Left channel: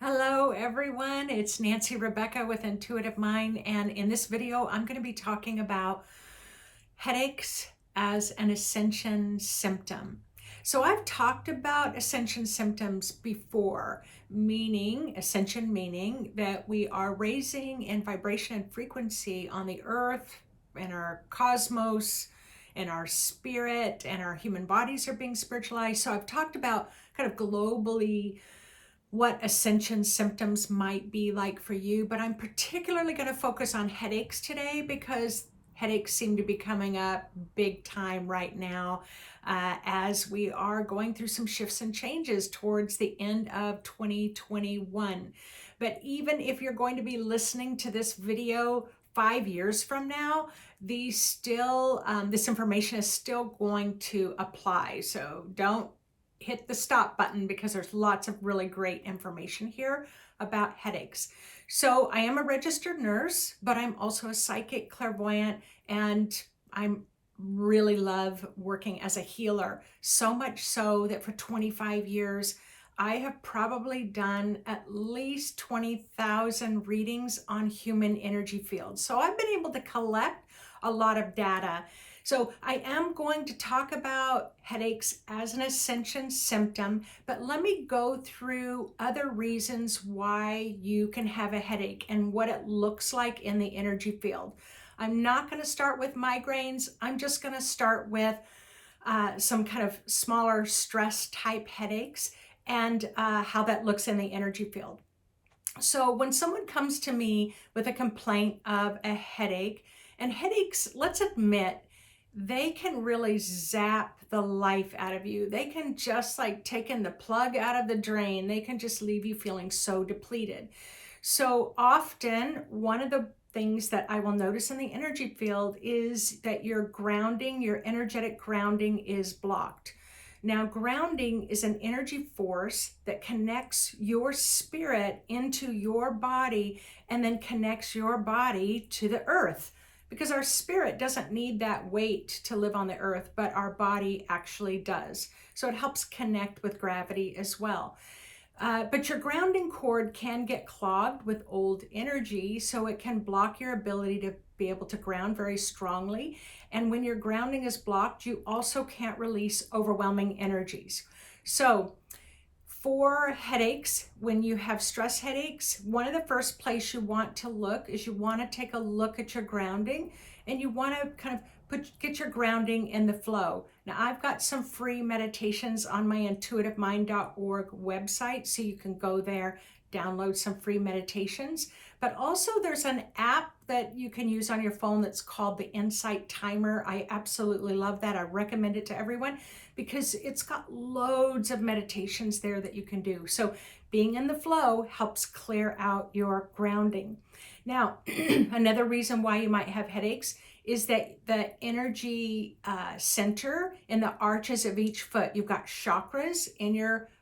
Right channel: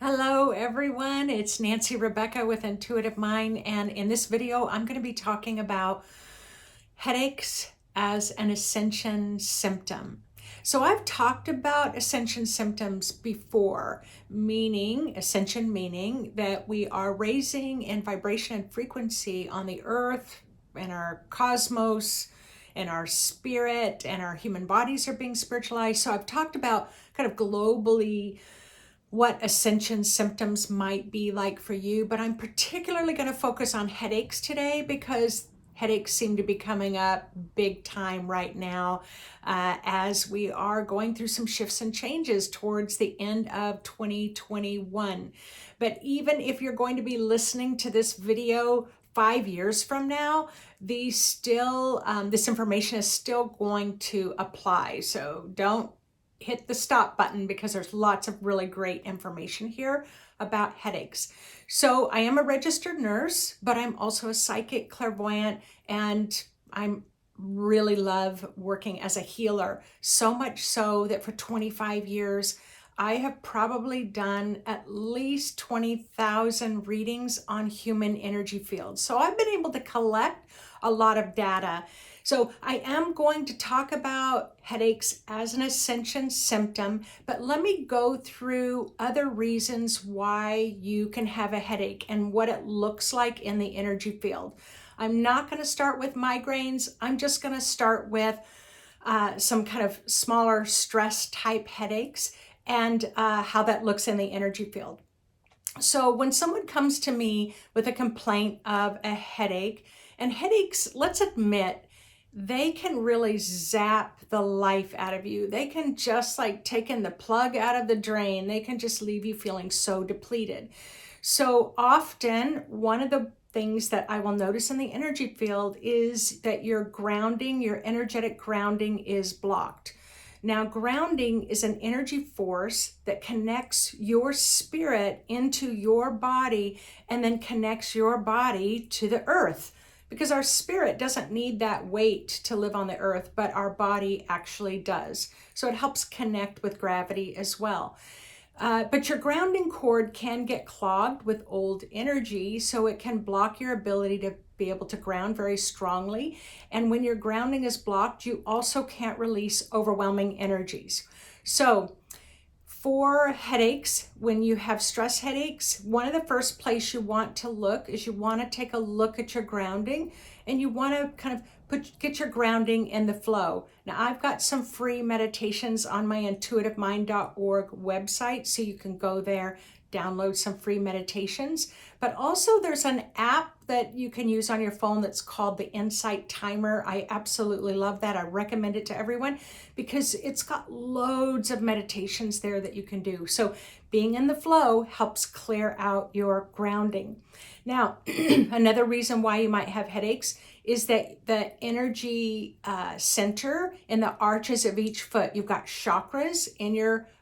Hello everyone, it's Nancy Rebecca with Intuitive Mind, and in this video I'm going to be talking about headaches as an ascension symptom. So I've talked about ascension symptoms before, meaning that we are raising in vibration and frequency on the earth and our cosmos and our spirit, and our human bodies are being spiritualized. So I've talked about kind of globally what ascension symptoms might be like for you, but I'm particularly going to focus on headaches today because headaches seem to be coming up big time right now, as we are going through some shifts and changes towards the end of 2021. But even if you're going to be listening to this video 5 years from now, this information is still going to apply. So don't hit the stop button because there's lots of really great information here about headaches. So I am a registered nurse, but I'm also a psychic clairvoyant, and I'm really love working as a healer. So much so that for 25 years, I have probably done at least 20,000 readings on human energy fields. So I've been able to collect a lot of data. So I am going to talk about headaches as an ascension symptom, but let me go through other reasons why you can have a headache and what it looks like in the energy field. I'm not going to start with migraines. I'm just going to start with some kind of smaller stress type headaches and how that looks in the energy field. So when someone comes to me with a complaint of a headache, and headaches, let's admit, they can really zap the life out of you. They can just like taking the plug out of the drain. They can just leave you feeling so depleted. So often, one of the things that I will notice in the energy field is that your energetic grounding is blocked. Now, grounding is an energy force that connects your spirit into your body and then connects your body to the earth, because our spirit doesn't need that weight to live on the earth, but our body actually does. So it helps connect with gravity as well. But your grounding cord can get clogged with old energy, so it can block your ability to be able to ground very strongly. And when your grounding is blocked, you also can't release overwhelming energies. So for headaches, when you have stress headaches, one of the first place you want to look is you want to take a look at your grounding, and you want to kind of get your grounding in the flow. Now, I've got some free meditations on my intuitivemind.org website, so you can go there, download some free meditations. But also there's an app that you can use on your phone that's called the Insight Timer. I absolutely love that. I recommend it to everyone because it's got loads of meditations there that you can do. So being in the flow helps clear out your grounding. Now, another reason why you might have headaches is that the energy center in the arches of each foot, you've got chakras in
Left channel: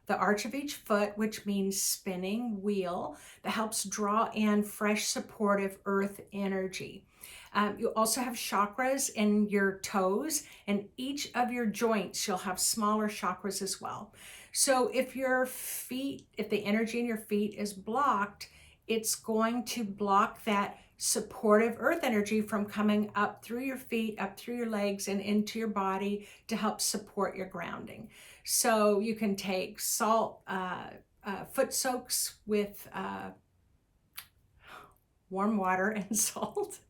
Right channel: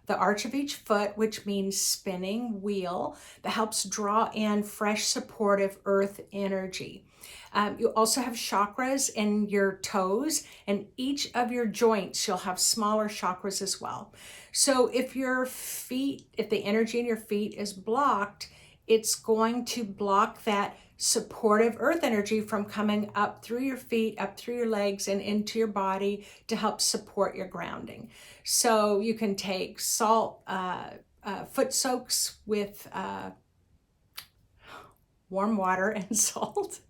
the arch of each foot, which means spinning wheel that helps draw in fresh, supportive earth energy. You also have chakras in your toes, and each of your joints, you'll have smaller chakras as well. So if the energy in your feet is blocked, it's going to block that supportive earth energy from coming up through your feet, up through your legs, and into your body to help support your grounding. So you can take foot soaks with warm water and salt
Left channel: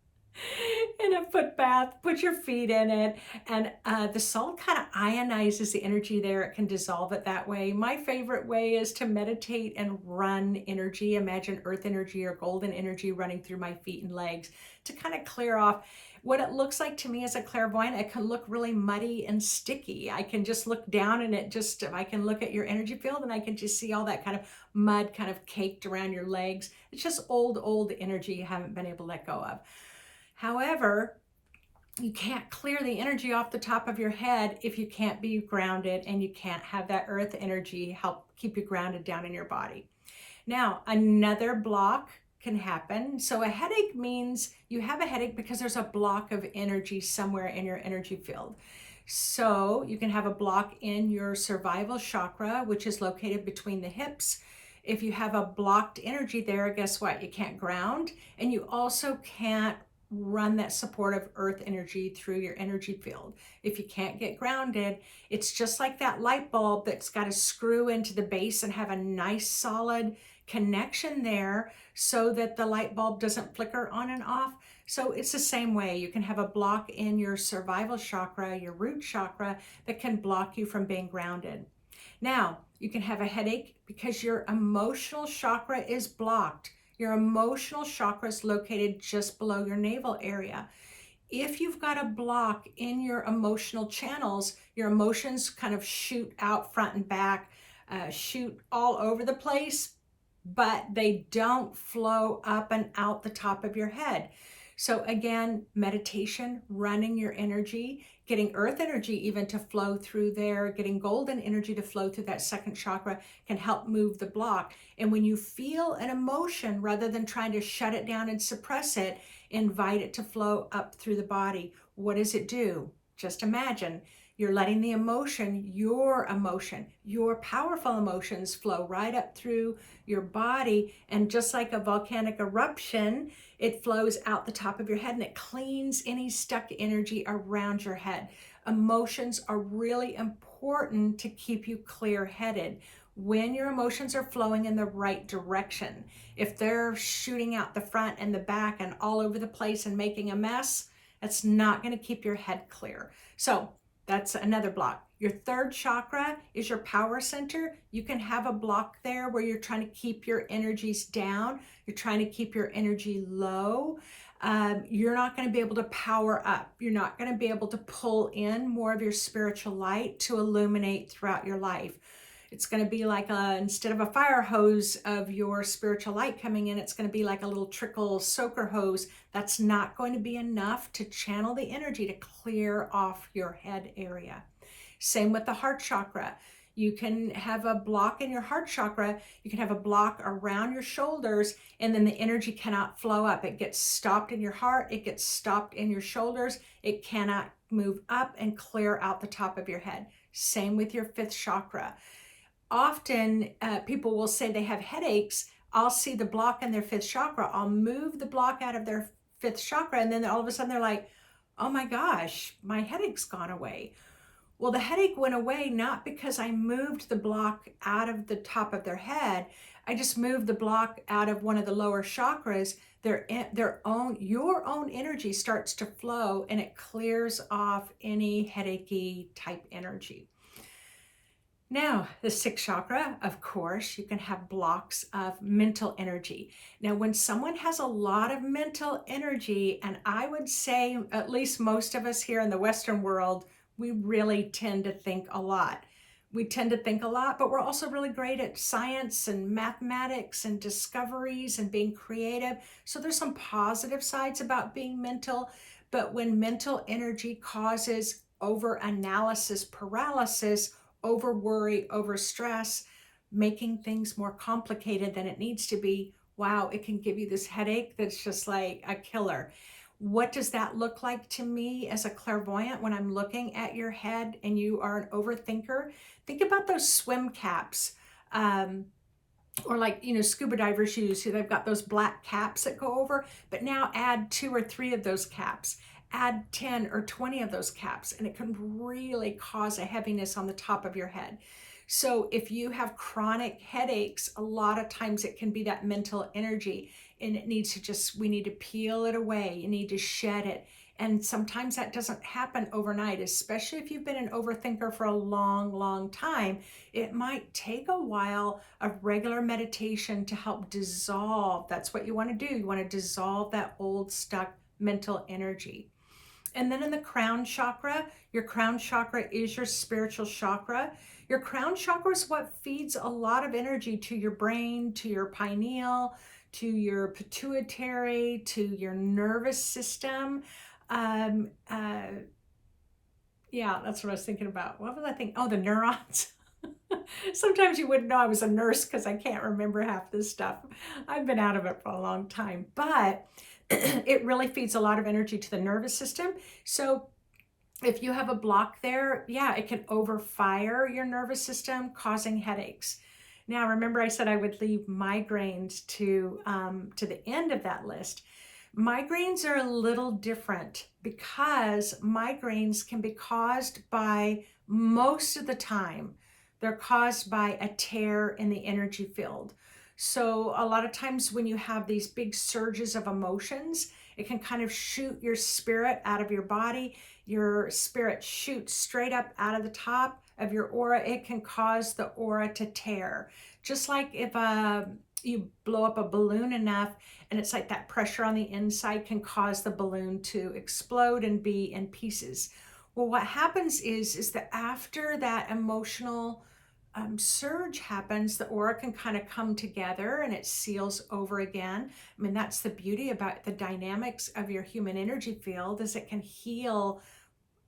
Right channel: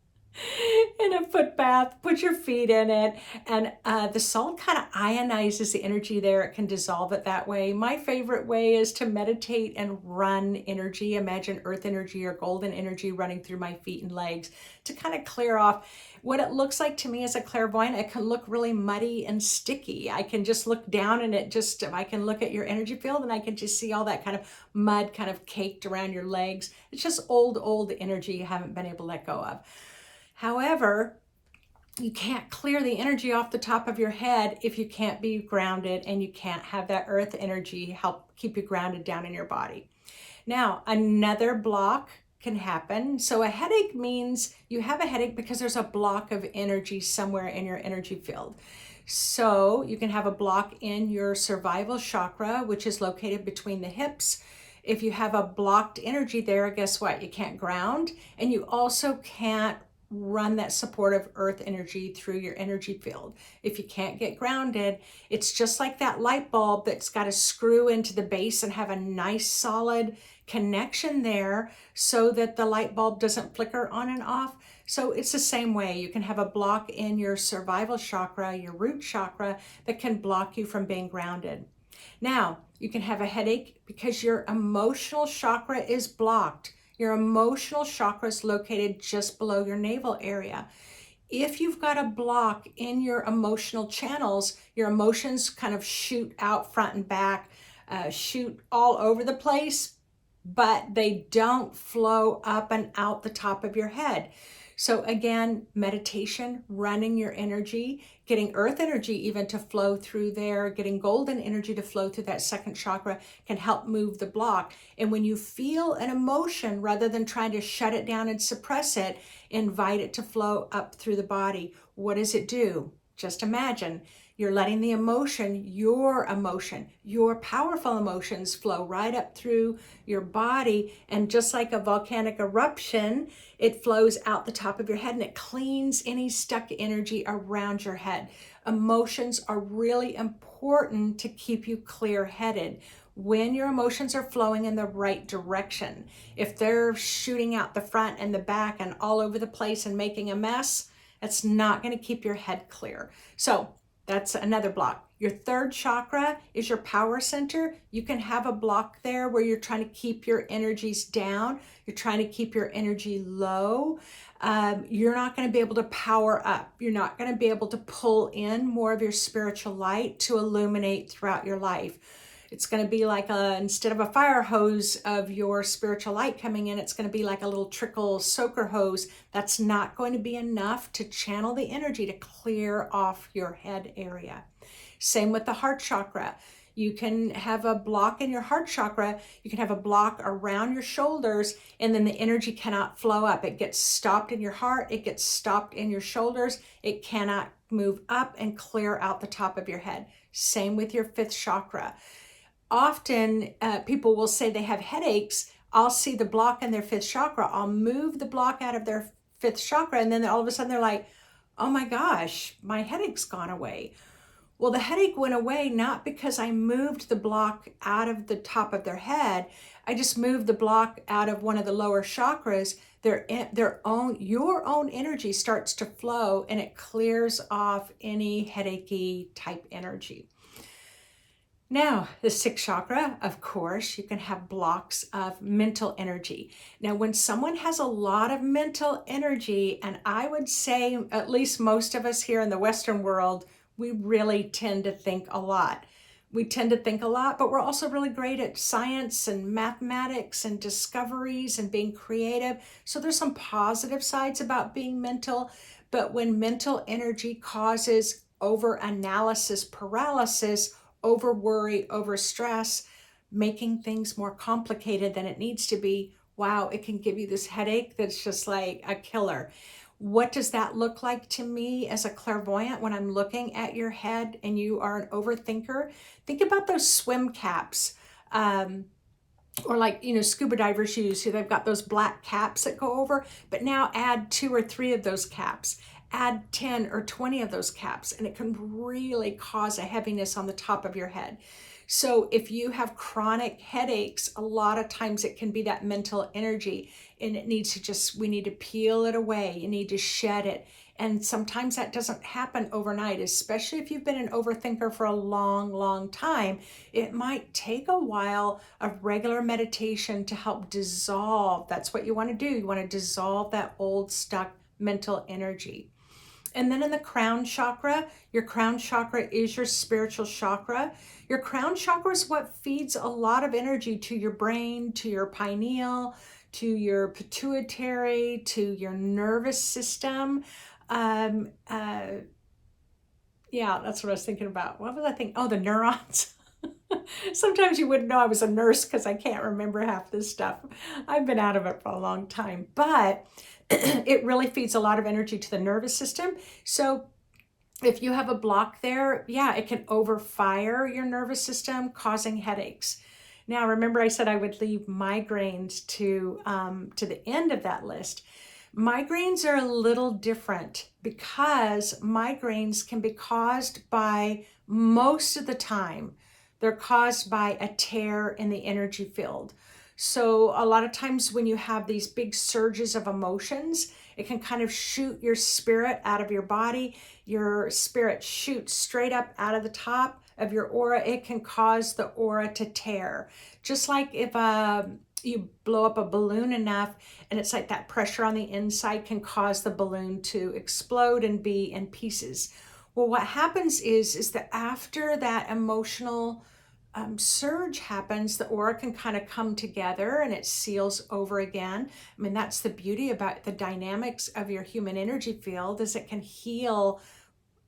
in a foot bath, put your feet in it, and the salt kind of ionizes the energy there. It can dissolve it that way. My favorite way is to meditate and run energy. Imagine earth energy or golden energy running through my feet and legs to kind of clear off what it looks like to me as a clairvoyant. It can look really muddy and sticky. I can just look down and I can look at your energy field and I can just see all that kind of mud kind of caked around your legs. It's just old energy you haven't been able to let go of. However, you can't clear the energy off the top of your head if you can't be grounded, and you can't have that earth energy help keep you grounded down in your body. Now, another block can happen. So a headache means you have a headache because there's a block of energy somewhere in your energy field. So you can have a block in your survival chakra, which is located between the hips. If you have a blocked energy there, guess what? You can't ground, and you also can't run that supportive earth energy through your energy field. If you can't get grounded, it's just like that light bulb that's got to screw into the base and have a nice solid connection there so that the light bulb doesn't flicker on and off. So it's the same way. You can have a block in your survival chakra, your root chakra, that can block you from being grounded. Now, you can have a headache because your emotional chakra is blocked. Your emotional chakra is located just below your navel area. If you've got a block in your emotional channels, your emotions kind of shoot out front and back, shoot all over the place, but they don't flow up and out the top of your head. So again, meditation, running your energy, getting earth energy even to flow through there, getting golden energy to flow through that second chakra can help move the block. And when you feel an emotion, rather than trying to shut it down and suppress it, invite it to flow up through the body. What does it do? Just imagine you're letting the emotion, your powerful emotions flow right up through your body. And just like a volcanic eruption, it flows out the top of your head and it cleans any stuck energy around your head. Emotions are really important to keep you clear-headed when your emotions are flowing in the right direction. If they're shooting out the front and the back and all over the place and making a mess, that's not going to keep your head clear. So that's another block. Your third chakra is your power center. You can have a block there where you're trying to keep your energies down. You're trying to keep your energy low. You're not going to be able to power up. You're not going to be able to pull in more of your spiritual light to illuminate throughout your life. It's going to be like instead of a fire hose of your spiritual light coming in, it's going to be like a little trickle soaker hose. That's not going to be enough to channel the energy to clear off your head area. Same with the heart chakra. You can have a block in your heart chakra. You can have a block around your shoulders, and then the energy cannot flow up. It gets stopped in your heart. It gets stopped in your shoulders. It cannot move up and clear out the top of your head. Same with your fifth chakra. Often people will say they have headaches. I'll see the block in their fifth chakra. I'll move the block out of their fifth chakra, and then all of a sudden they're like, oh my gosh, my headache's gone away. Well, the headache went away not because I moved the block out of the top of their head. I just moved the block out of one of the lower chakras. Your own energy starts to flow, and it clears off any headachy type energy. Now, the sixth chakra, of course, you can have blocks of mental energy. Now, when someone has a lot of mental energy, and I would say at least most of us here in the Western world, we really tend to think a lot. We tend to think a lot, but we're also really great at science and mathematics and discoveries and being creative. So there's some positive sides about being mental, but when mental energy causes over-analysis paralysis, over worry, over stress, making things more complicated than it needs to be, wow, it can give you this headache that's just like a killer. What does that look like to me as a clairvoyant when I'm looking at your head and you are an overthinker? Think about those swim caps, or like, scuba divers use. They've got those black caps that go over, but now add 2 or 3 of those caps. Add 10 or 20 of those caps, and it can really cause a heaviness on the top of your head. So if you have chronic headaches, a lot of times it can be that mental energy, and it needs to we need to peel it away. You need to shed it. And sometimes that doesn't happen overnight, especially if you've been an overthinker for a long, long time. It might take a while of regular meditation to help dissolve. That's what you want to do. You want to dissolve that old stuck mental energy. And then in the crown chakra, your crown chakra is your spiritual chakra. Your crown chakra is what feeds a lot of energy to your brain, to your pineal, to your pituitary, to your nervous system. Yeah, that's what I was thinking about. What was I thinking? Oh, the neurons. Sometimes you wouldn't know I was a nurse because I can't remember half this stuff. I've been out of it for a long time, but it really feeds a lot of energy to the nervous system. So if you have a block there, yeah, it can overfire your nervous system, causing headaches. Now, remember I said I would leave migraines to the end of that list. Migraines are a little different because migraines can be caused by, most of the time, they're caused by a tear in the energy field. So a lot of times when you have these big surges of emotions, it can kind of shoot your spirit out of your body. Your spirit shoots straight up out of the top of your aura. It can cause the aura to tear. Just like if you blow up a balloon enough, and it's like that pressure on the inside can cause the balloon to explode and be in pieces. Well, what happens is that after that emotional surge happens, the aura can kind of come together and it seals over again. I mean, that's the beauty about the dynamics of your human energy field, is it can heal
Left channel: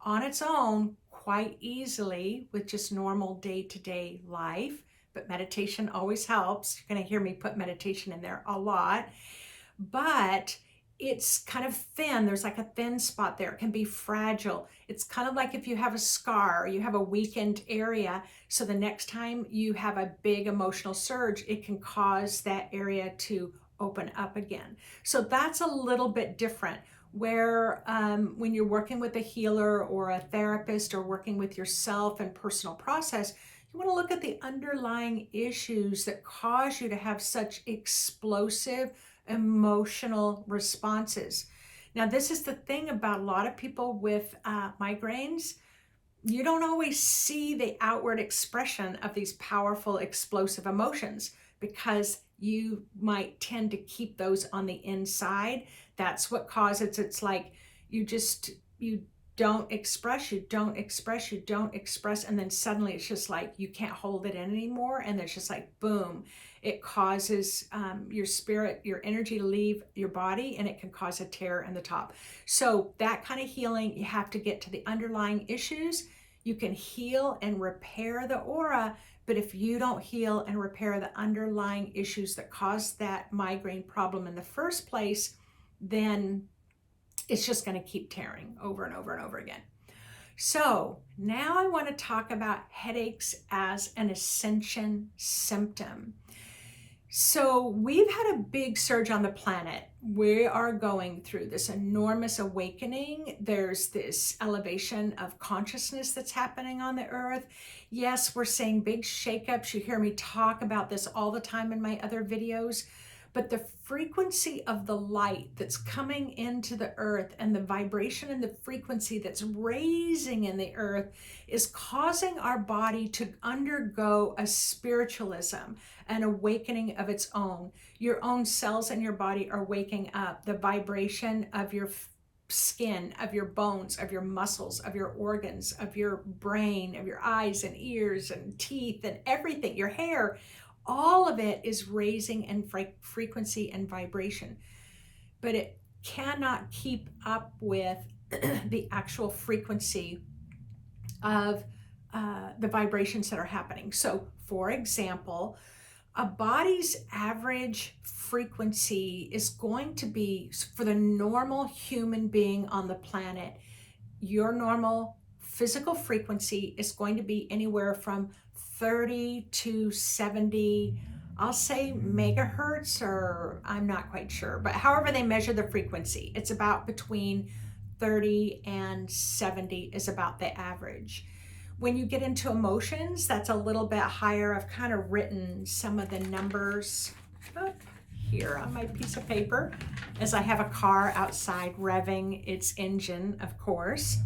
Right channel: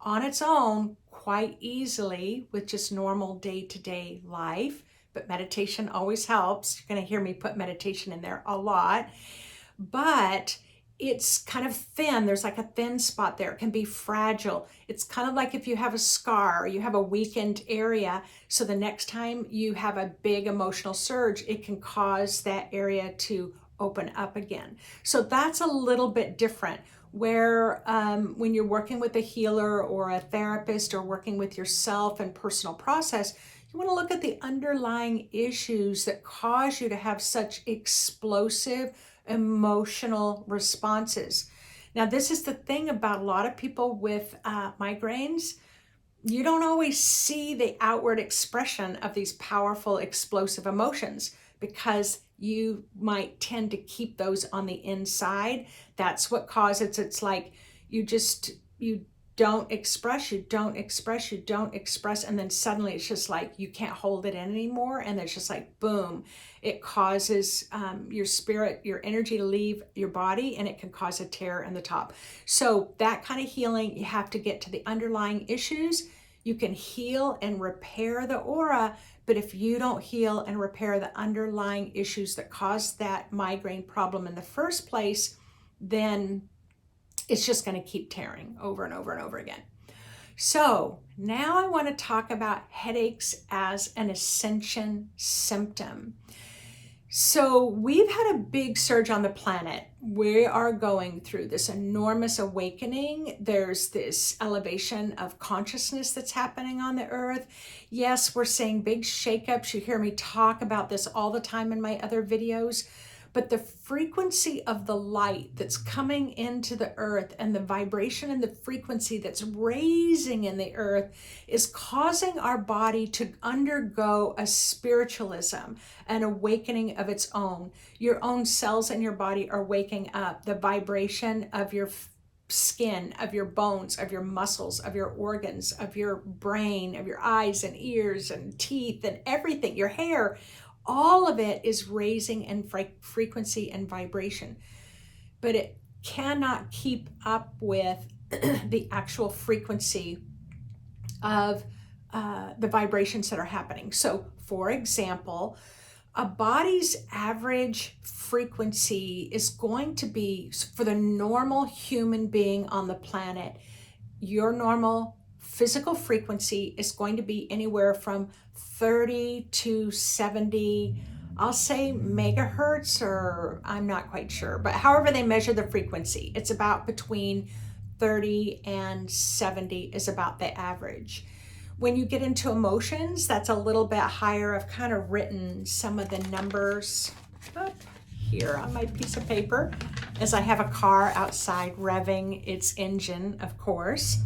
on its own quite easily with just normal day-to-day life. But meditation always helps. You're going to hear me put meditation in there a lot. But it's kind of thin. There's like a thin spot there. It can be fragile. It's kind of like if you have a scar or you have a weakened area. So the next time you have a big emotional surge, it can cause that area to open up again. So that's a little bit different. Where when you're working with a healer or a therapist or working with yourself and personal process, you want to look at the underlying issues that cause you to have such explosive emotional responses. Now, this is the thing about a lot of people with migraines. You don't always see the outward expression of these powerful, explosive emotions because you might tend to keep those on the inside. That's what causes it's like you don't express, you don't express, you don't express, and then suddenly it's just like you can't hold it in anymore, and it's just like boom. It causes your spirit, your energy to leave your body, and it can cause a tear in the top. So that kind of healing, you have to get to the underlying issues. You can heal and repair the aura, but if you don't heal and repair the underlying issues that caused that migraine problem in the first place, then it's just going to keep tearing over and over and over again. So now I want to talk about headaches as an ascension symptom. So we've had a big surge on the planet. We are going through this enormous awakening. There's this elevation of consciousness that's happening on the earth. Yes, we're seeing big shakeups. You hear me talk about this all the time in my other videos. But the frequency of the light that's coming into the earth and the vibration and the frequency that's raising in the earth is causing our body to undergo a spiritualism, an awakening of its own. Your own cells in your body are waking up. The vibration of your skin, of your bones, of your muscles, of your organs, of your brain, of your eyes and ears and teeth and everything, your hair, all of it is raising in frequency and vibration, but it cannot keep up with the actual frequency of the vibrations that are happening. So, for example, a body's average frequency is going to be, for the normal human being on the planet, your normal physical frequency is going to be anywhere from 30 to 70, I'll say megahertz, or I'm not quite sure, but however they measure the frequency, it's about between 30 and 70 is about the average. When you get into emotions, that's a little bit higher. I've kind of written some of the numbers up here on my piece of paper as I have a car outside revving its engine, of course.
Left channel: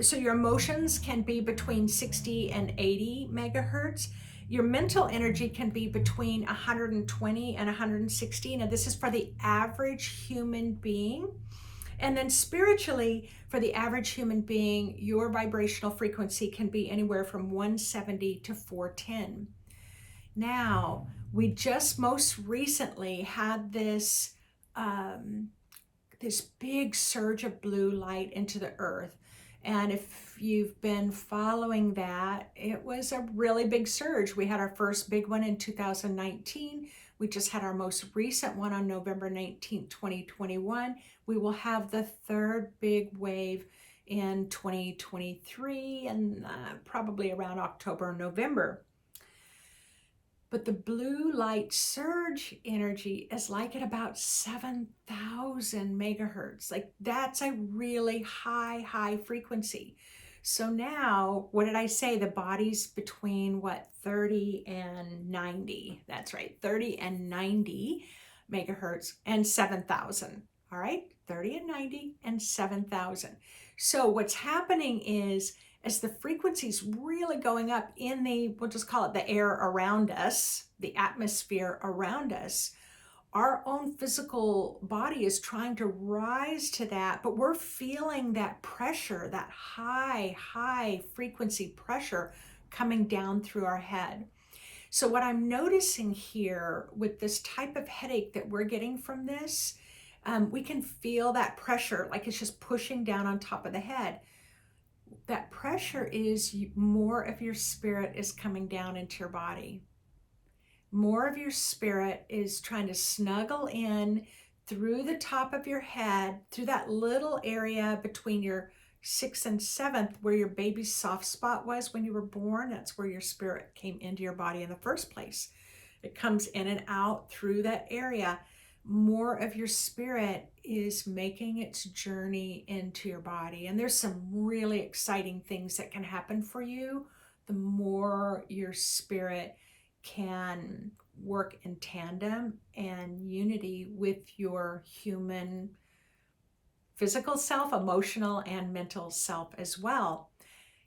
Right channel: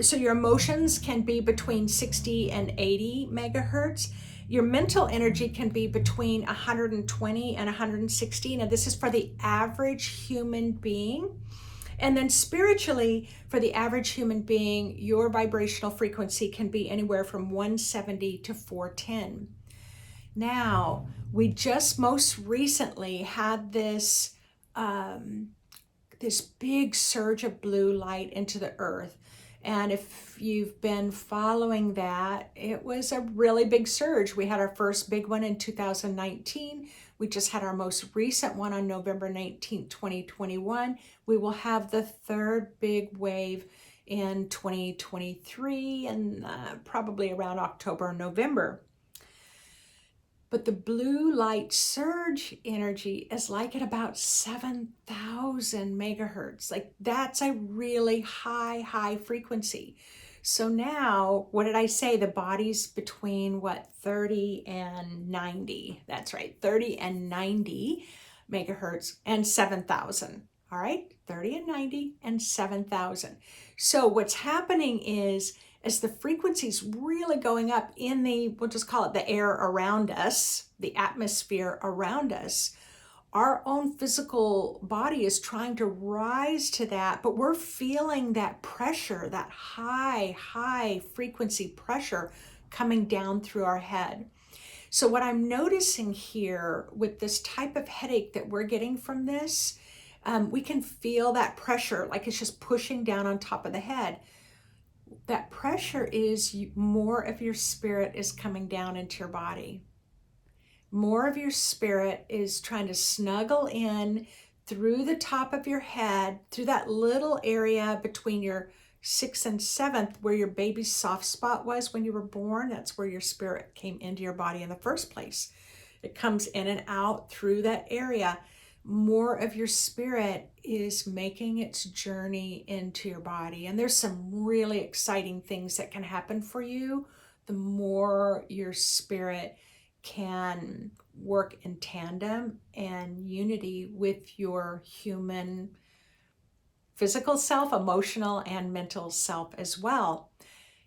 So your emotions can be between 60 and 80 megahertz. Your mental energy can be between 120 and 160. Now, this is for the average human being. And then spiritually, for the average human being, your vibrational frequency can be anywhere from 170 to 410. Now, we just most recently had this big surge of blue light into the earth. And if you've been following that, it was a really big surge. We had our first big one in 2019. We just had our most recent one on November 19, 2021. We will have the third big wave in 2023 and probably around October or November. But the blue light surge energy is like at about 7,000 megahertz. Like that's a really high frequency. So now, what did I say? The body's between what, 30 and 90. That's right, 30 and 90 megahertz and 7,000. All right, 30 and 90 and 7,000. So what's happening is, as the frequency's really going up in the, we'll just call it the air around us, the atmosphere around us, our own physical body is trying to rise to that, but we're feeling that pressure, that high frequency pressure coming down through our head. So what I'm noticing here with this type of headache that we're getting from this, we can feel that pressure, like it's just pushing down on top of the head. That pressure is more of your spirit is coming down into your body. More of your spirit is trying to snuggle in through the top of your head, through that little area between your 6th and 7th, where your baby's soft spot was when you were born. That's where your spirit came into your body in the first place. It comes in and out through that area. More of your spirit is making its journey into your body. And there's some really exciting things that can happen for you the more your spirit can work in tandem and unity with your human physical self, emotional, and mental self as well.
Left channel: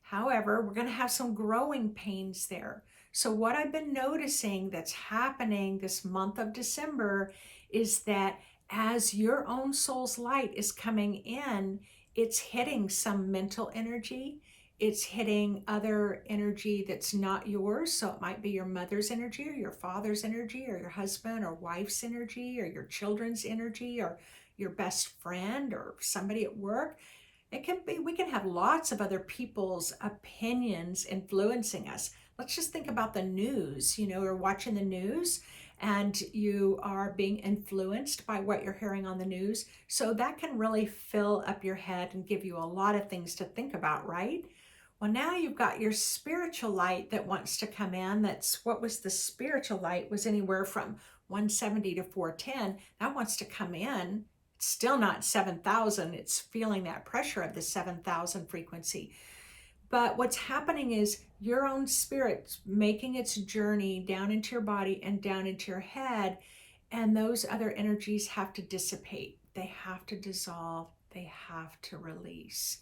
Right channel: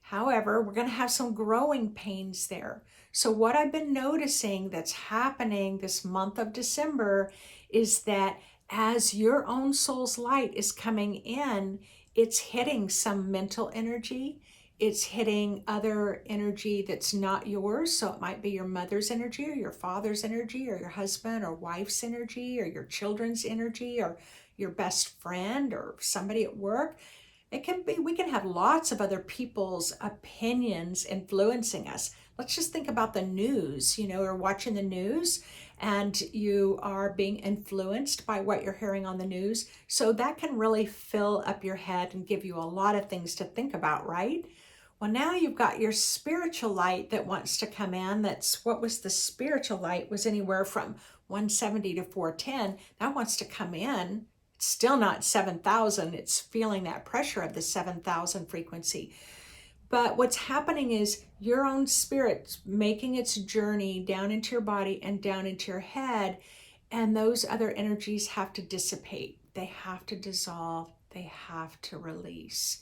However, we're going to have some growing pains there. So what I've been noticing that's happening this month of December is that as your own soul's light is coming in, it's hitting some mental energy. It's hitting other energy that's not yours. So it might be your mother's energy or your father's energy or your husband or wife's energy or your children's energy or your best friend or somebody at work. It can be, we can have lots of other people's opinions influencing us. Let's just think about the news. You're watching the news and you are being influenced by what you're hearing on the news. So that can really fill up your head and give you a lot of things to think about, right? Well, now you've got your spiritual light that wants to come in. That's what was the spiritual light, was anywhere from 170 to 410. That wants to come in. It's still not 7,000. It's feeling that pressure of the 7,000 frequency. But what's happening is your own spirit's making its journey down into your body and down into your head. And those other energies have to dissipate. They have to dissolve. They have to release.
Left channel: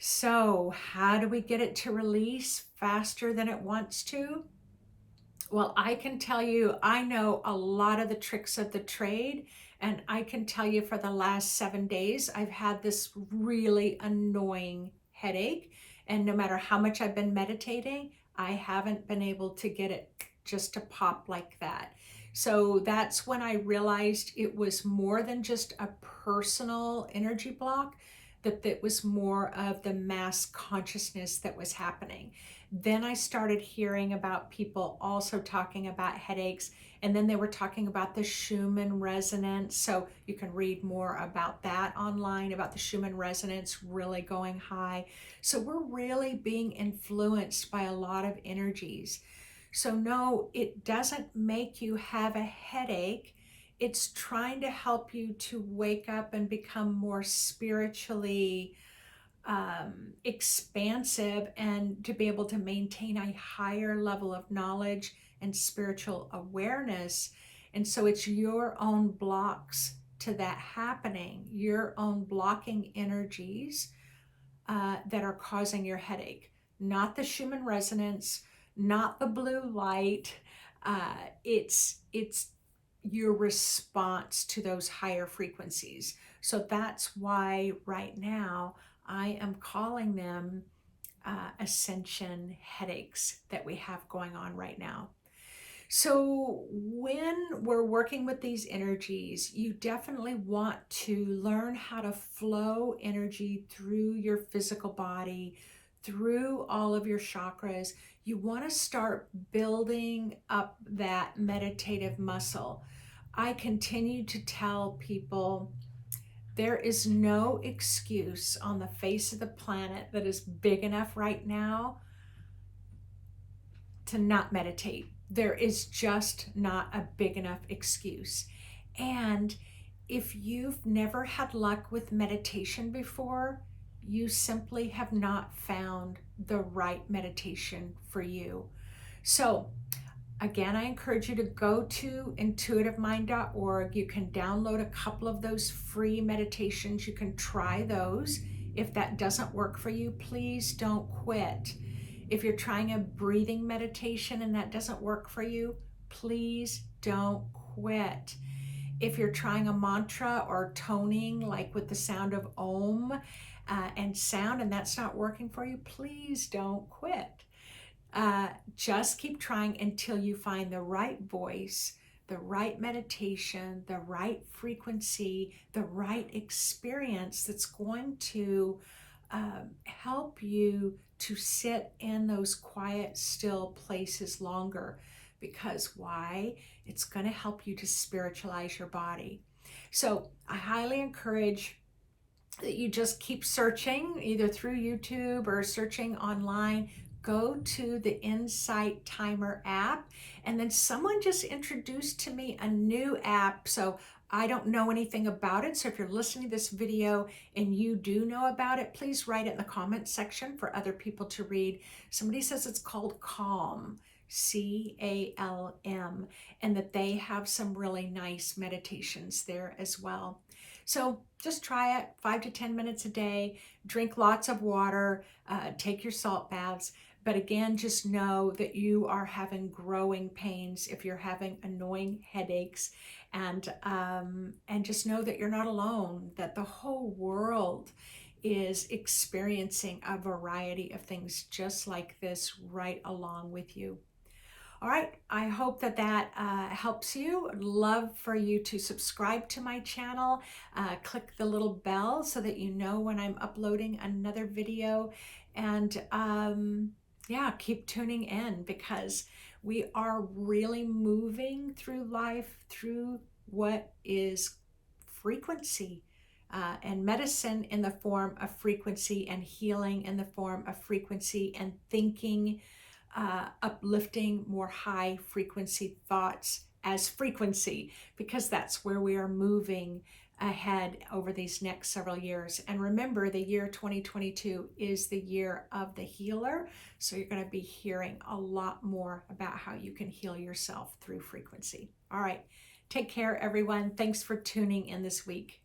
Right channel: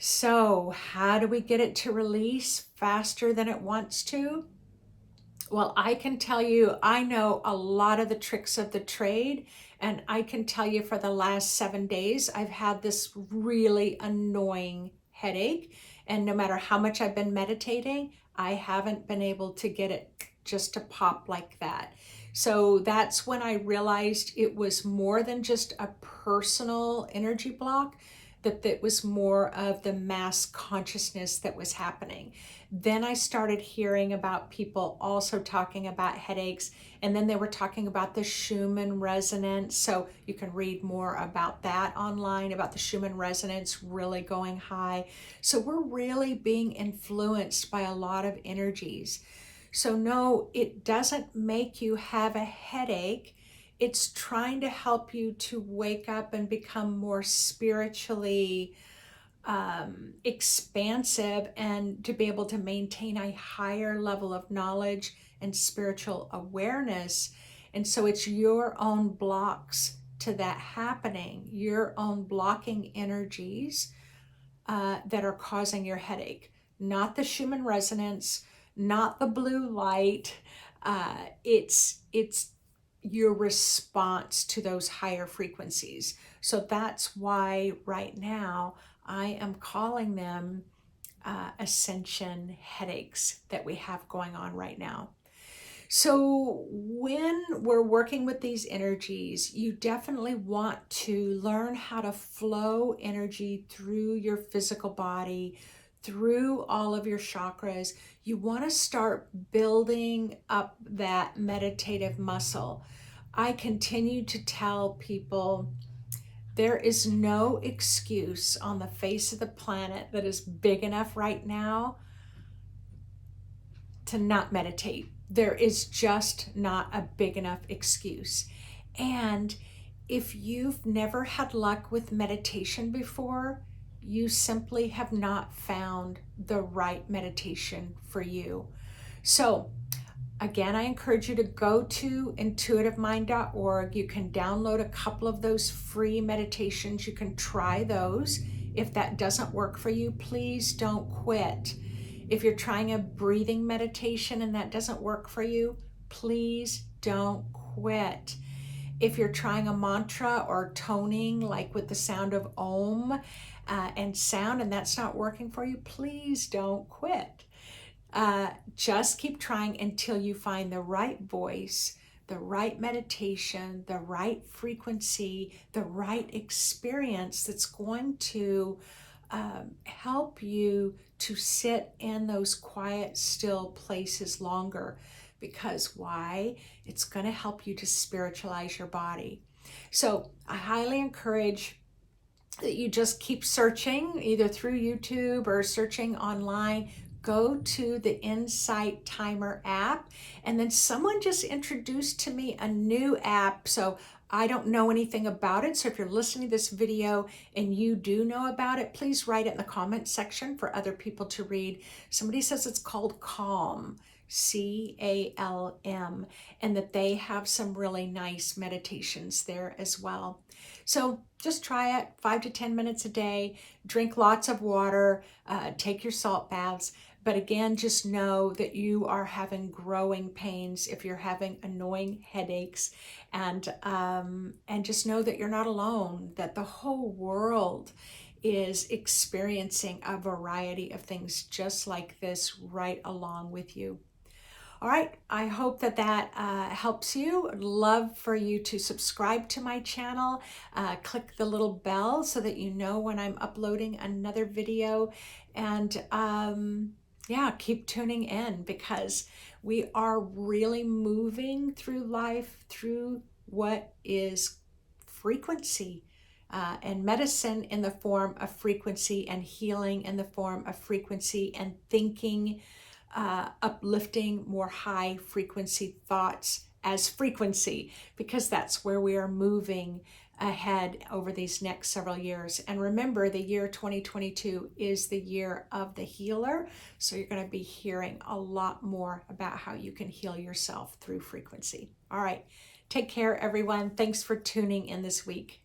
So how do we get it to release faster than it wants to? Well, I can tell you, I know a lot of the tricks of the trade, and I can tell you for the last 7 days, I've had this really annoying headache. And no matter how much I've been meditating, I haven't been able to get it just to pop like that. So that's when I realized it was more than just a personal energy block, that it was more of the mass consciousness that was happening. Then I started hearing about people also talking about headaches, and then they were talking about the Schumann resonance. So you can read more about that online, about the Schumann resonance really going high. So we're really being influenced by a lot of energies. So no, it doesn't make you have a headache. It's trying to help you to wake up and become more spiritually expansive and to be able to maintain a higher level of knowledge and spiritual awareness. And so it's your own blocks to that happening, your own blocking energies that are causing your headache, not the Schumann resonance, not the blue light. It's your response to those higher frequencies. So that's why right now I am calling them ascension headaches that we have going on right now. So when we're working with these energies, you definitely want to learn how to flow energy through your physical body, through all of your chakras. You want to start building up that meditative muscle. I continue to tell people there is no excuse on the face of the planet that is big enough right now to not meditate. There is just not a big enough excuse. And if you've never had luck with meditation before, you simply have not found the right meditation for you. So, again, I encourage you to go to intuitivemind.org. You can download a couple of those free meditations. You can try those. If that doesn't work for you, please don't quit. If you're trying a breathing meditation and that doesn't work for you, please don't quit. If you're trying a mantra or toning, like with the sound of Om and sound, and that's not working for you, please don't quit. Just keep trying until you find the right voice, the right meditation, the right frequency, the right experience that's going to help you to sit in those quiet, still places longer. Because why? It's going to help you to spiritualize your body. So I highly encourage that you just keep searching either through YouTube or searching online. Go to the Insight Timer app. And then someone just introduced to me a new app. So I don't know anything about it. So if you're listening to this video and you do know about it, please write it in the comment section for other people to read. Somebody says it's called Calm, CALM, and that they have some really nice meditations there as well. So just try it 5 to 10 minutes a day, drink lots of water, take your salt baths. But again, just know that you are having growing pains if you're having annoying headaches, and just know that you're not alone, that the whole world is experiencing a variety of things just like this right along with you. All right, I hope that helps you. I'd love for you to subscribe to my channel, click the little bell so that you know when I'm uploading another video, and yeah, keep tuning in, because we are really moving through life through what is frequency. And medicine in the form of frequency, and healing in the form of frequency, and thinking uplifting, more high frequency thoughts as frequency, because that's where we are moving ahead over these next several years. And remember, the year 2022 is the year of the healer. So you're going to be hearing a lot more about how you can heal yourself through frequency. All right. Take care, everyone. Thanks for tuning in this week.